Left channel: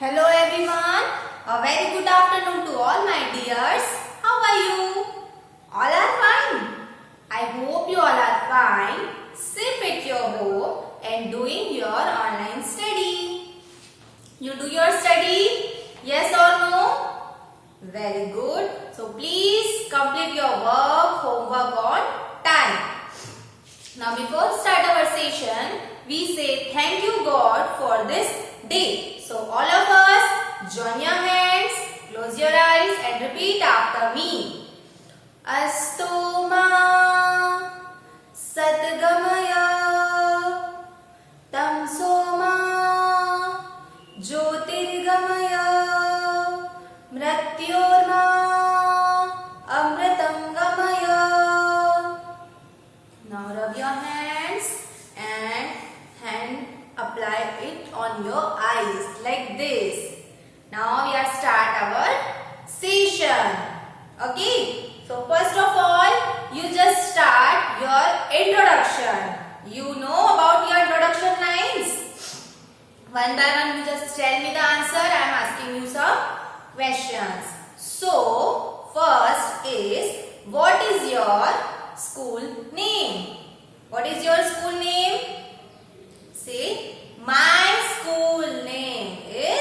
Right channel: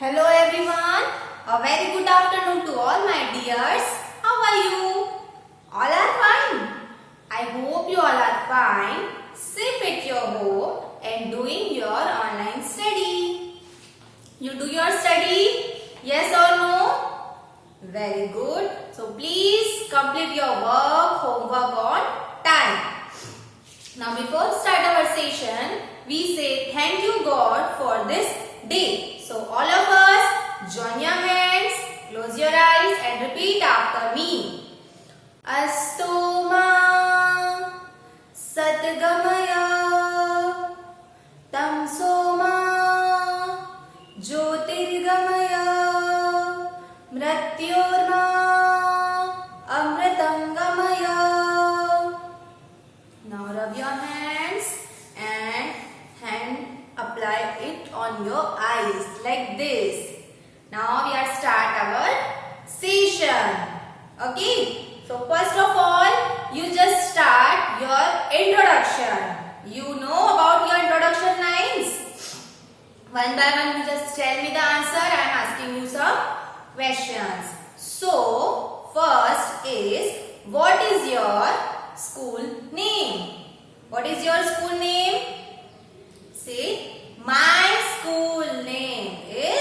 Hello everyone. A very good afternoon to all my dears. How are you? All are fine. I hope you all are fine, safe at your home and doing your online study. You do your study? Yes or no? Very good. So please complete your homework on time. Now before start our session, we say thank you God for this day. So all of us join your hands, close your eyes and repeat after me. Astu ma satgamaya tamso ma jyotirgamaya mrityorma amritam gamaya. Now rub your hands and apply it on your eyes like this. Now we are start our session. Okay. So first of all, you just start your introduction. You know about your introduction lines. One by one, you just tell me the answer. I am asking you some questions. So first is, what is your school name? What is your school name? Say, my school name is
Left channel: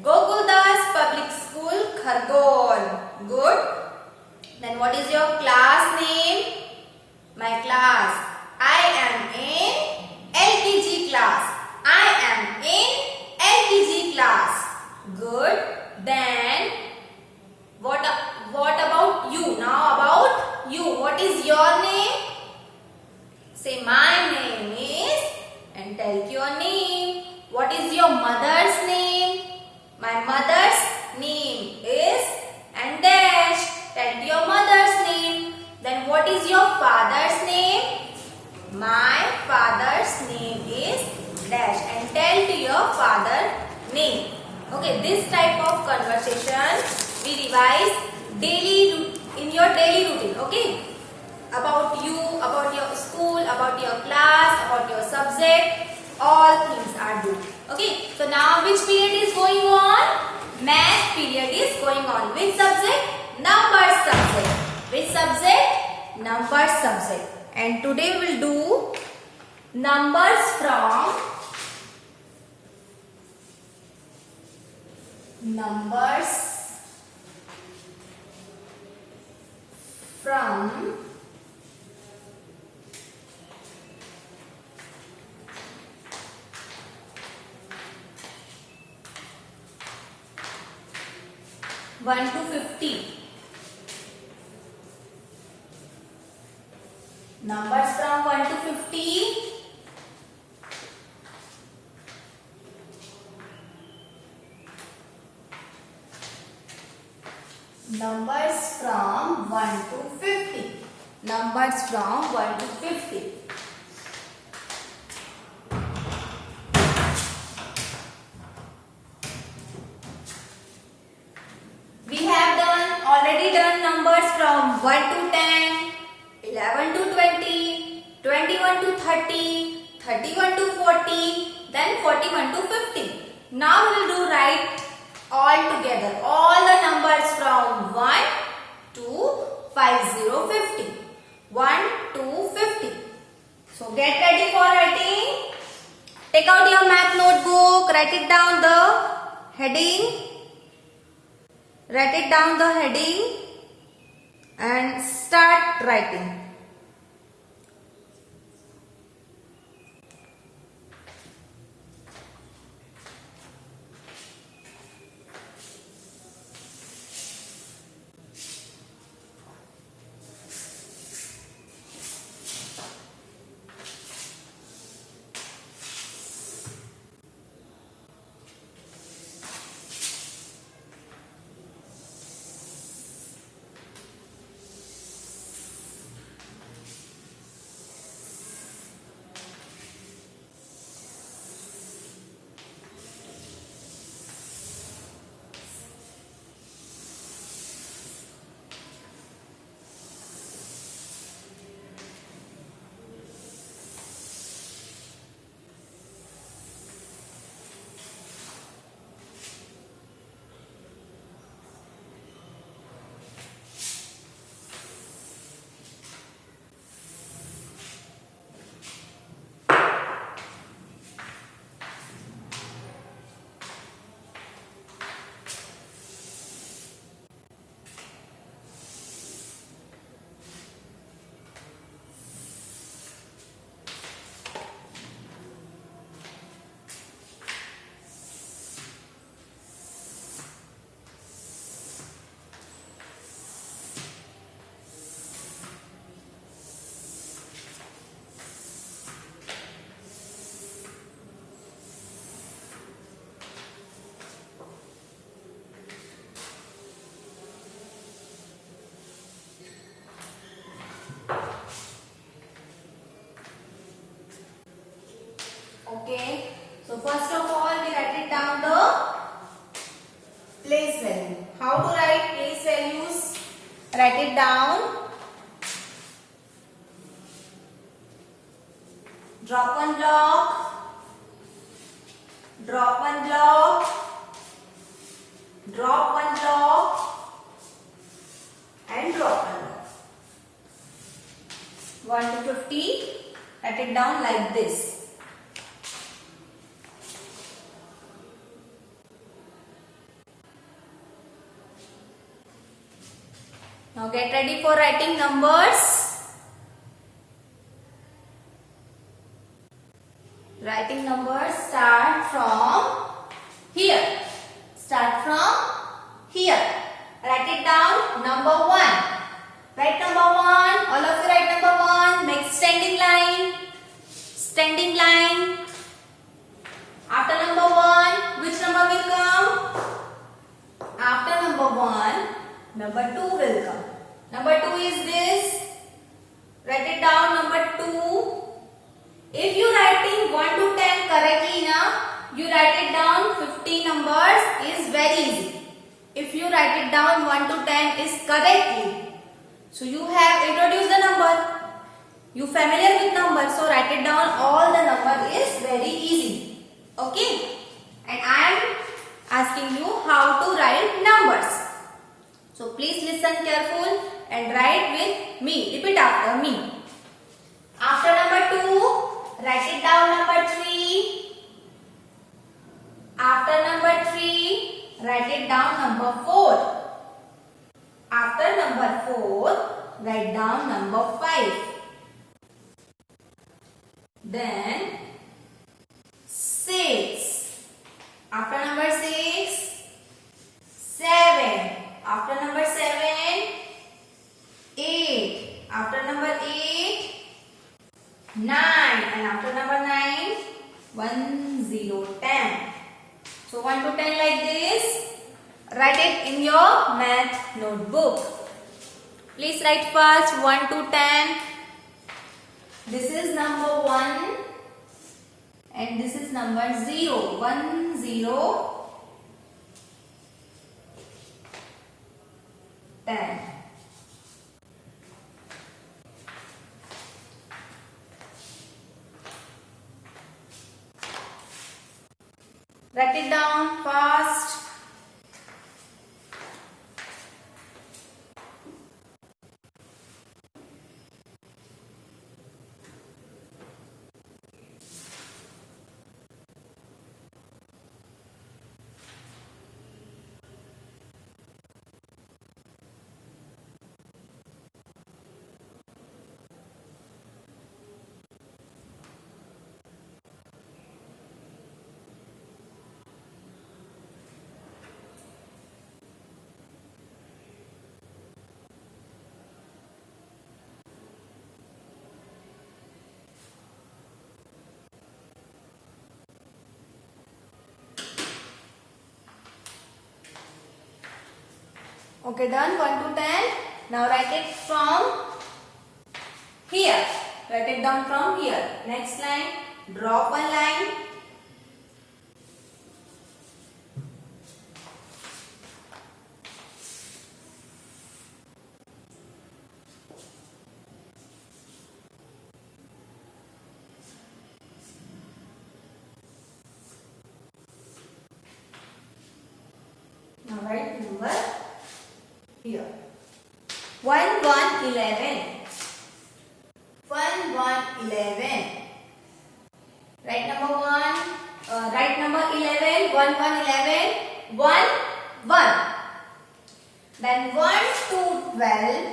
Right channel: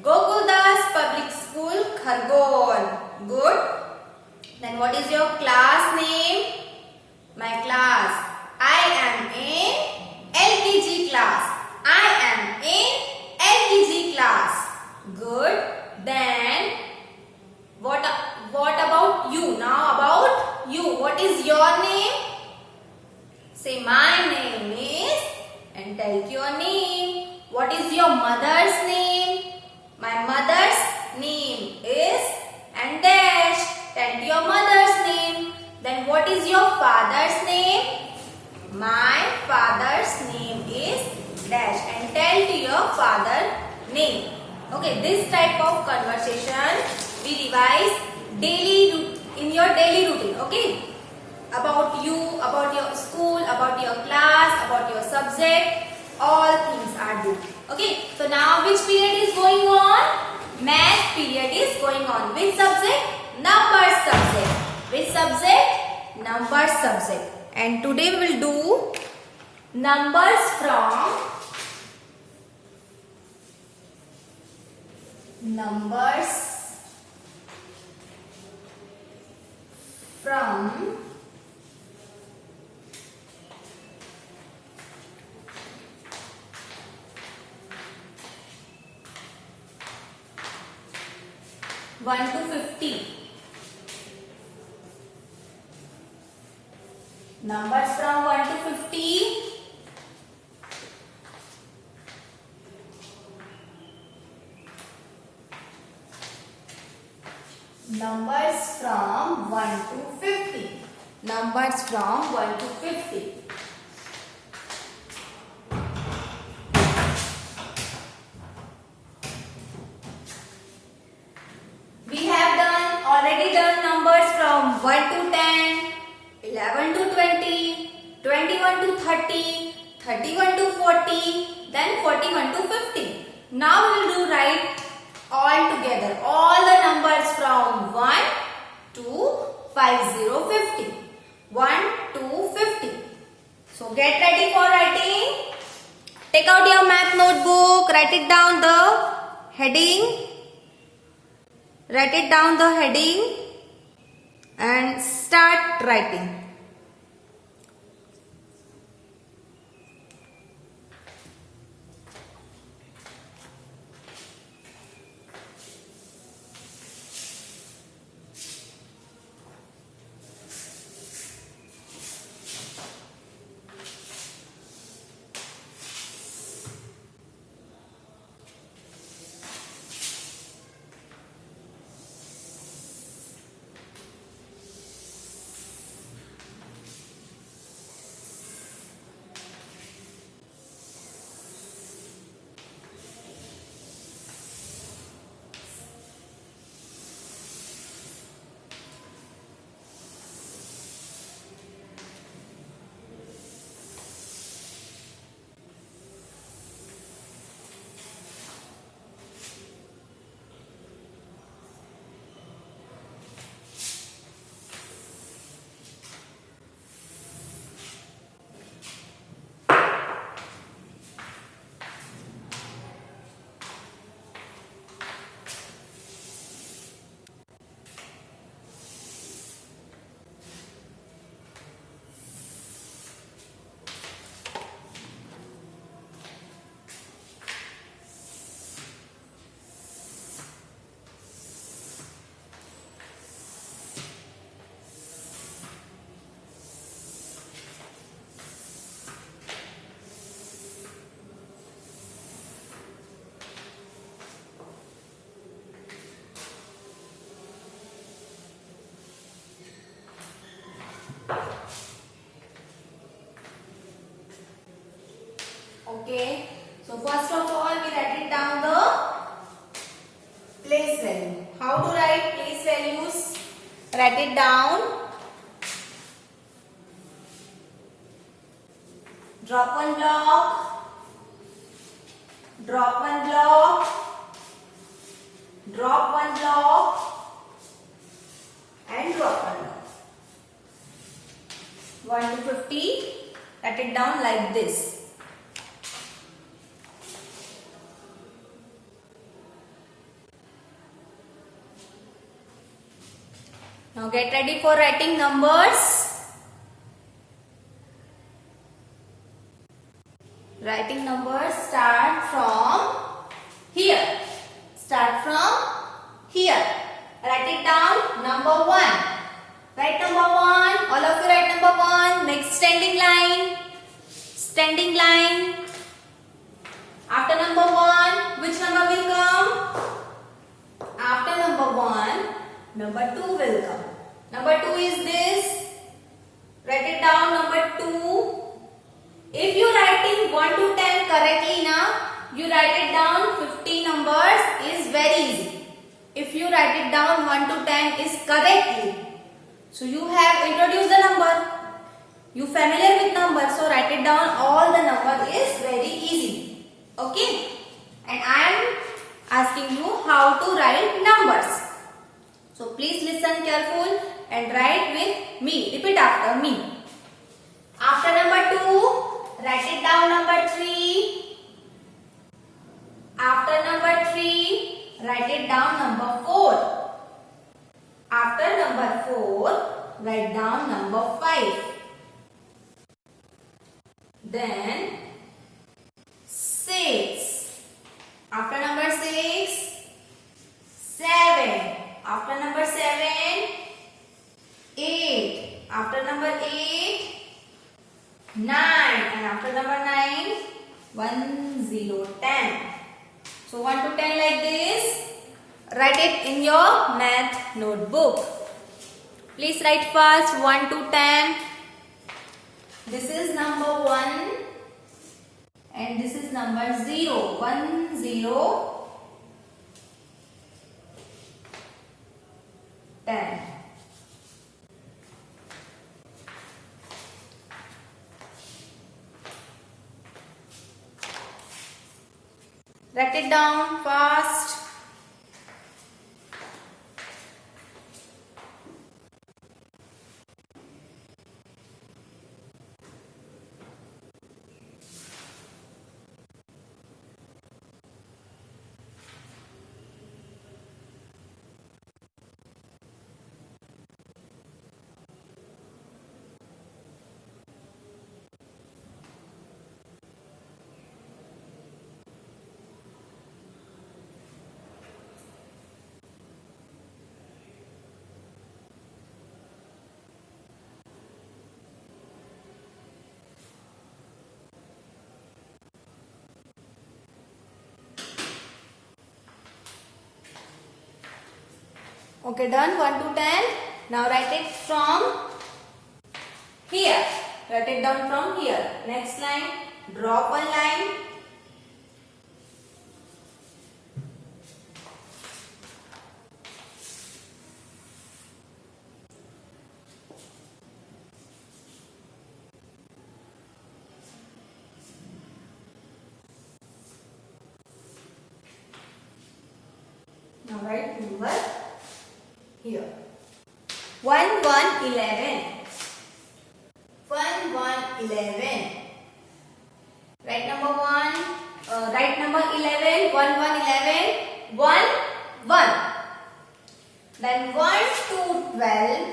Gokuldas Public School, Khargone. Good. Then what is your class name? My class. I am in LKG class. I am in LKG class. Good. Then what about you? Now about you. What is your name? Say, my name is, and tell your name. What is your mother's name? My mother's name is, and dash. Tell your mother's name. Then what is your father's name? My father's name is dash, and tell to your father name. Okay, this type of conversation we revise daily in your daily routine. Okay, about you, about your school, about your class, about your subject, all things are due. Okay, so now which period is going on? Math period is going on. Which subject? Numbers subject. Which subject? Numbers subject. And today we will do numbers from one to 50. Numbers from 1 to 50. Numbers from 1 to 50. Numbers from 1 to 50. We have already done numbers from 1 to 10, 11 to 20, 21 to 30, 31 to 40, then 41 to 50. Now we will do write all together, all the numbers from 1 to 50. 1 to 50. So get ready for writing. Take out your math notebook, write it down the heading. Write it down the heading and start writing. Okay. So first of all, we write it down the place value. How to write place values? Write it down. Drop one block. Drop one block. Drop one block. And drop one block. 1 to 50. Write it down like this. Now get ready for writing numbers. Writing numbers start from here. Start from here. Write it down. Number 1. Write number 1. All of you write number 1. Next standing line. Standing line. After number 1, which number will come? After number 1, number 2 will come. Number 2 is this. Write it down. Number 2. If you writing 1 to 10 correctly now, you write it down 50 numbers is very easy. If you write it down 1 to 10 is correctly. So you have introduced the number. You familiar with numbers, so write it down. All the number is very easy. Okay. And I am asking you how to write numbers. So please listen careful and write with me. Repeat after me. After number 2, write it down number 3. After number 3, write it down number 4. After number 4, write down number 5. Then 6. After number 6, 7. After number 7, 8. After number 8, 9. And after number 9, 1, 0, 10. So 1 to 10 like this. Write it in your math notebook. Please write first 1 to 10. This is number 1 and this is number 0. 1, 0, 10. Write it down fast. Okay, done. 1 to 10. Now write it from here. Write it down from here. Next line. Drop one line. Now write number here. 1, 1, 11. 1, 1, 11. Write number 1. Write number 11. 1, 1, 11. 1, 1. Then 1 to 12.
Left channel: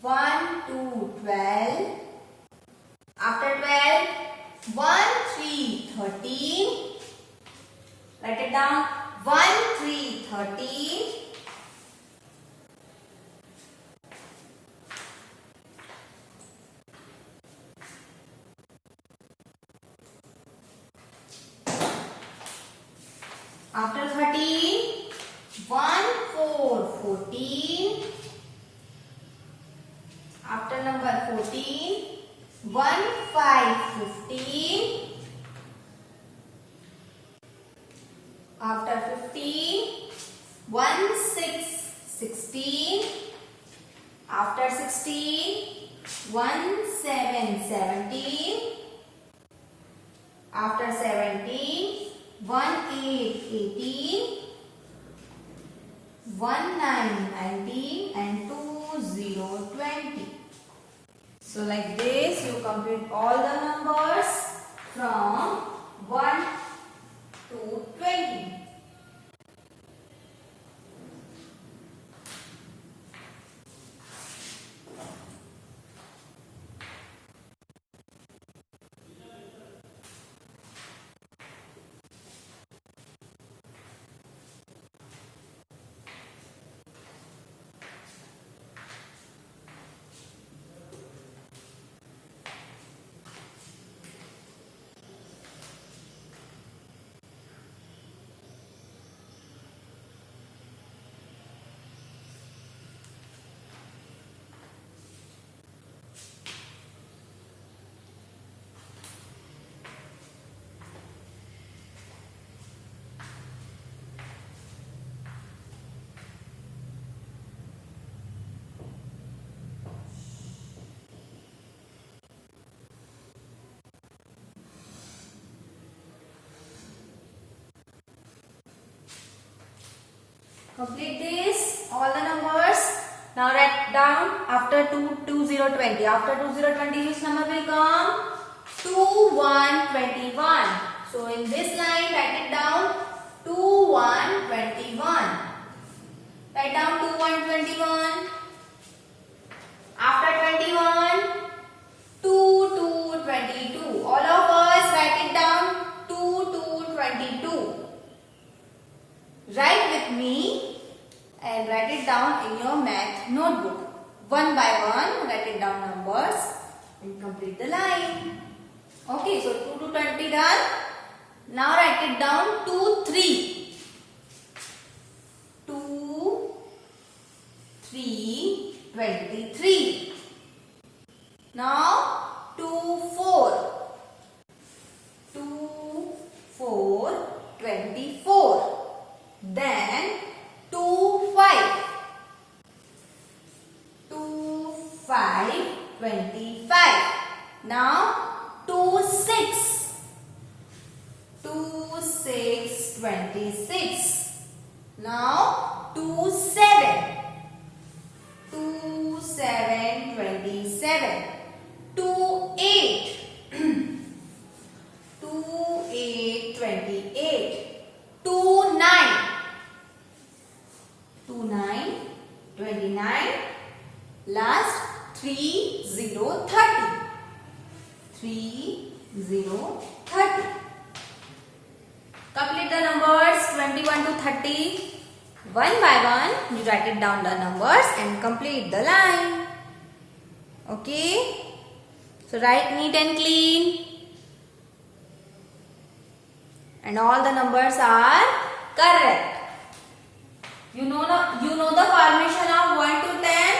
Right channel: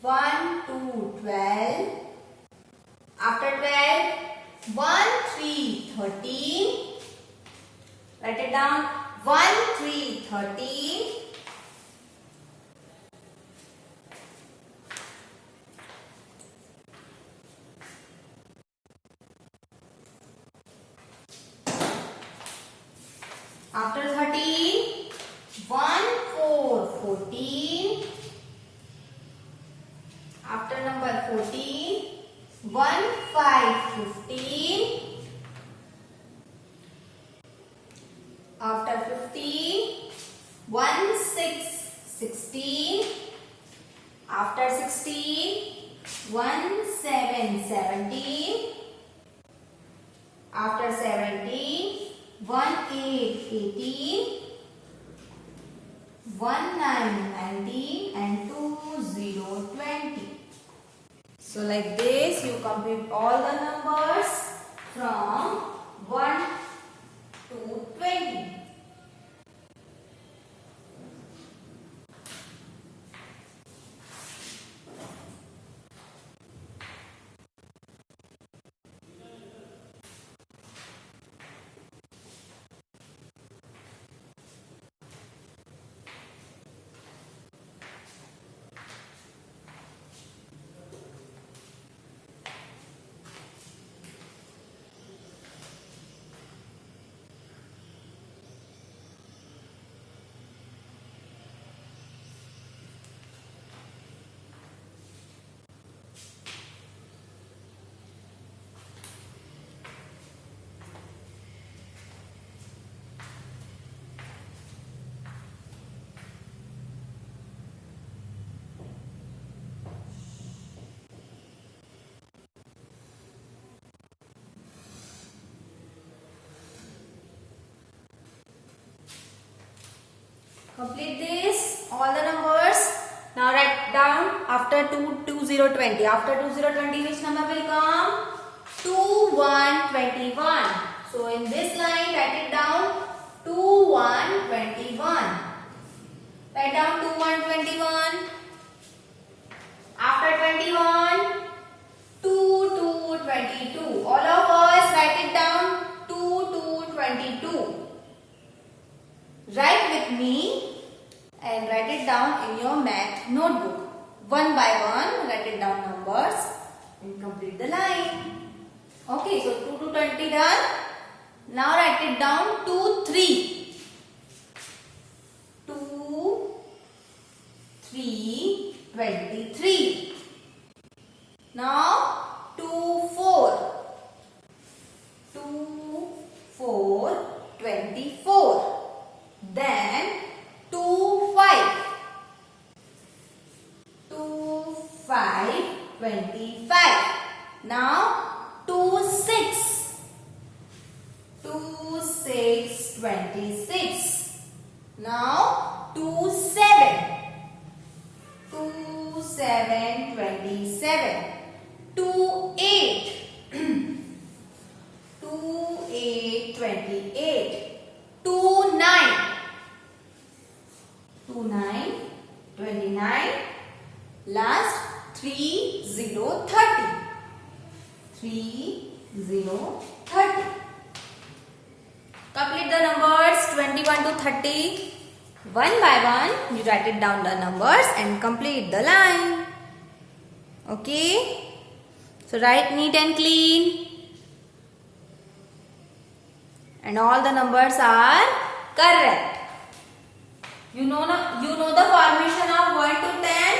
1 to 12. After 12, 1, 3, 13. Write it down. 1, 3, 13. After 13, 1, 4, 14. After number 14, 1, 5, 15. After 15, 1, 6, 16. After 16, 1, 7, 17. After 17, 1, 8, 18. 1, 9, 19 and 2, 0, 20. So like this you complete all the numbers from 1 to 20. Complete this, all the numbers. Now write down after 2, 0, 20. After 2, 0, 20, which number will come? 2, 1, 21. So in this line, write it down 2, 1, 21. Write down 2, 1, 21. After 21, 2, 2, 22. All of us write it down 2, 2, 22. Write with me and write it down in your math notebook. One by one, write it down numbers and complete the line. Okay, so 2 to 20 done. Now write it down 2, 3. 2, 3, 23. Now 2, 4. 2, 4, 24. Then 2, 5. 2, 5, 25. Now 2, 6. 2, 6, 26. Now 2, 7. 2, 7, 27. 2, 8. 2, 8, 28. 2, 9. 2, 9, 29. Last 3, 0, 30. 3, 0, 30. Complete the numbers 21 to 30. One by one, you write it down the numbers and complete the line. Okay? So write neat and clean. And all the numbers are correct. You know the formation of 1 to 10.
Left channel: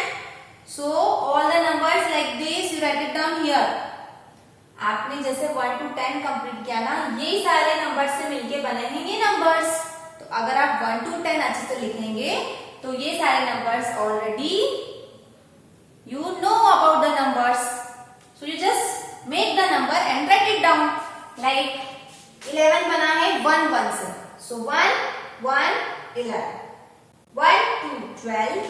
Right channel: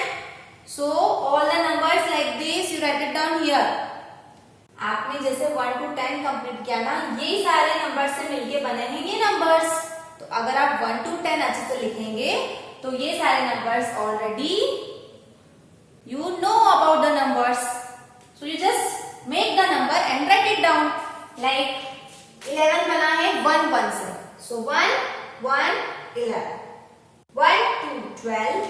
So all the numbers like this you write it down here. आपने जैसे 1 to 10 complete किया ना, ये सारे number से मिलके बने हैं ये नंबर्स. तो अगर आप 1 to 10 अच्छे से लिखेंगे तो ये सारे numbers already you know about the numbers. So you just make the number and write it down. Like 11 बना है 1 1 से. So 1 1 11. 1 2 12.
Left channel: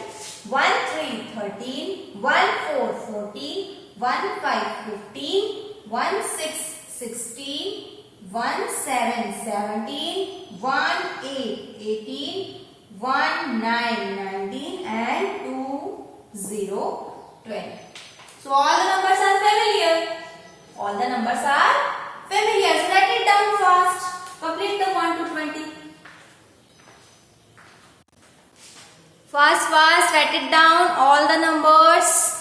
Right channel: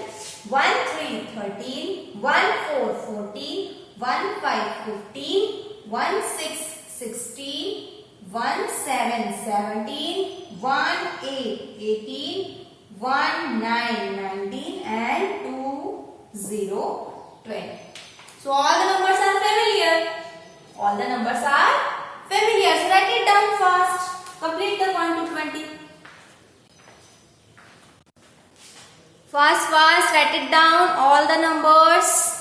1 3 13. 1 4 14. 1 5 15. 1 6 16. 1 7 17. 1 8 18. 1 9 19 and 2 0 20. So all the numbers are familiar. All the numbers are familiar. So write it down fast. Complete the 1 to 20. Fast, fast. Write it down. All the numbers.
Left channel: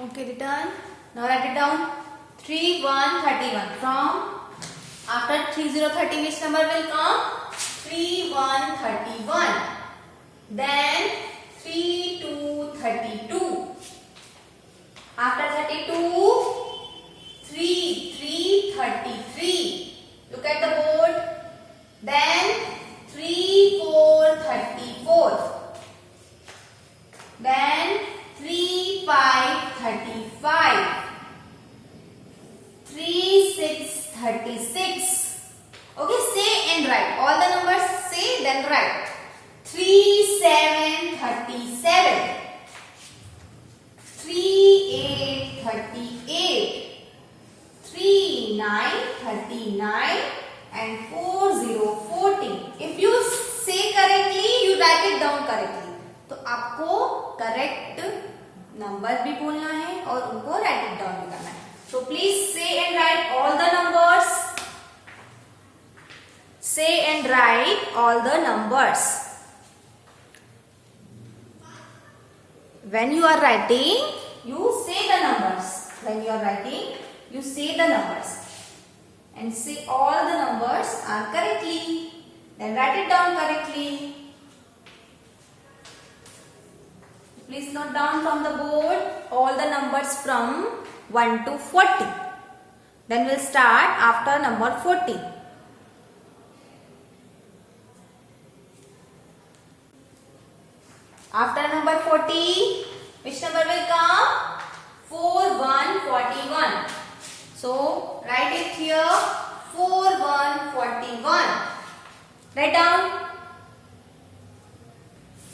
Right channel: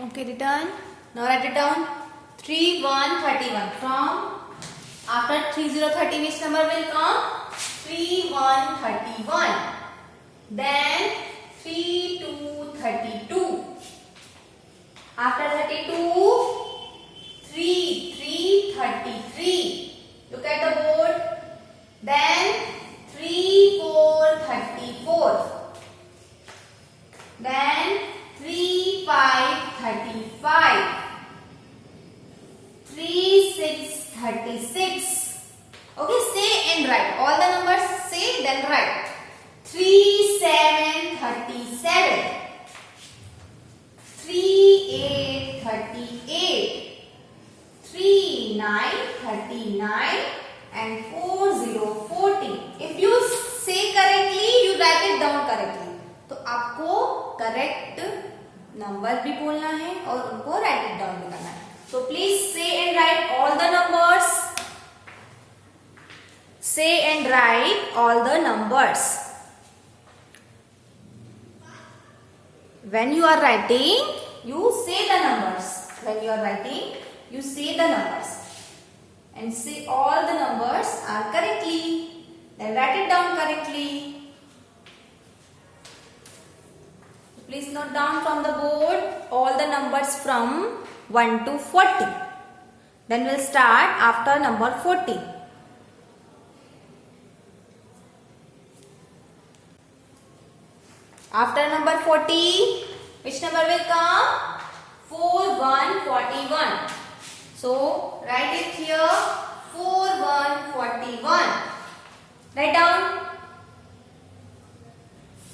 Okay, return. Now write it down. 3, 1, 31. From after 30, 30, which number will come? 3, 1, 31. Then 3, 2, 32. After 32, 3, 3, 33. Look at the board. Then 3, 4, 34. Then 3, 5, 35. 3, 6, 36. Okay, say and write. All the numbers say, then write. 3, 7, 37. 3, 8, 38. 3, 9, 39. And 4, 0, 40. If you say correctly, you write it down correctly. तो आपको correct number भी बोलना है और उनको right it down भी करना है. So please say and write all the numbers. Say and write all the numbers. When you are writing, you say the numbers. When you are writing, you say the numbers. And say all the numbers are correctly. Then write it down correctly. Please note down from the board all the numbers from 1 to 40. Then we'll start after number 40. After number 40, which number will come? 4, 1, 41. So, write it here. 4, 1, 41. Write down.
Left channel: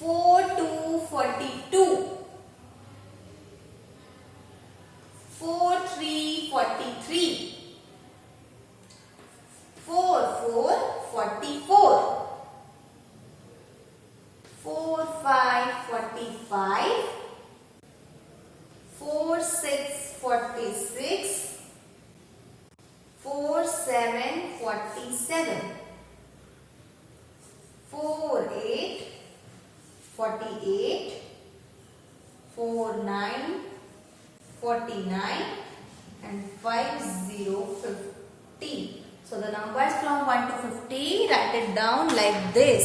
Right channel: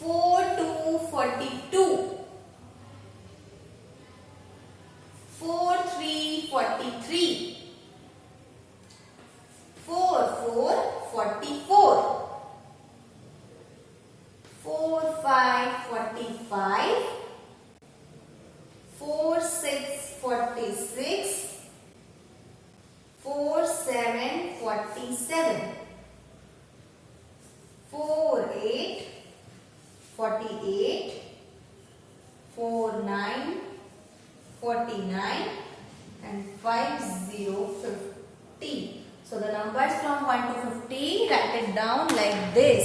4, 2, 42. 4, 3, 43. 4, 4, 44. 4, 5, 45. 4, 6, 46. 4, 7, 47. 4, 8, 48. 4, 9, 49. And 5, 0, 50. So the numbers from 1 to 50, write it down like this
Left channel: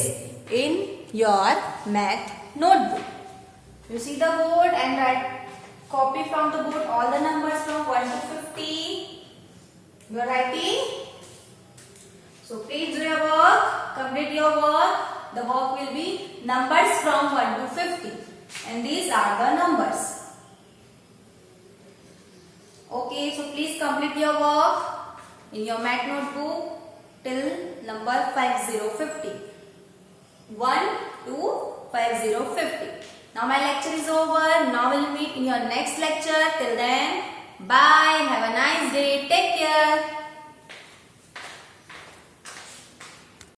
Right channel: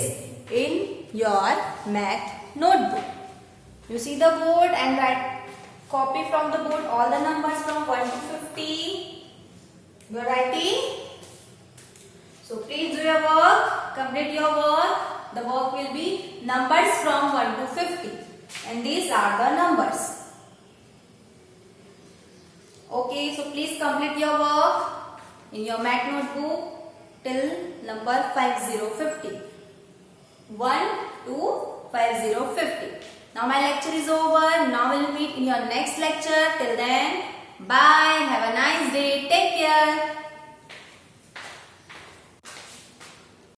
in your math notebook. You see the board and write, copy from the board all the numbers from 1 to 50. You are writing. So please do your work, complete your work. The work will be numbers from 1 to 50. And these are the numbers. Okay, so please complete your work in your math notebook till number 5050. 1 to 5050. Now my lecture is over. Now we'll meet in your next lecture. Till then, bye. Have a nice day. Take care.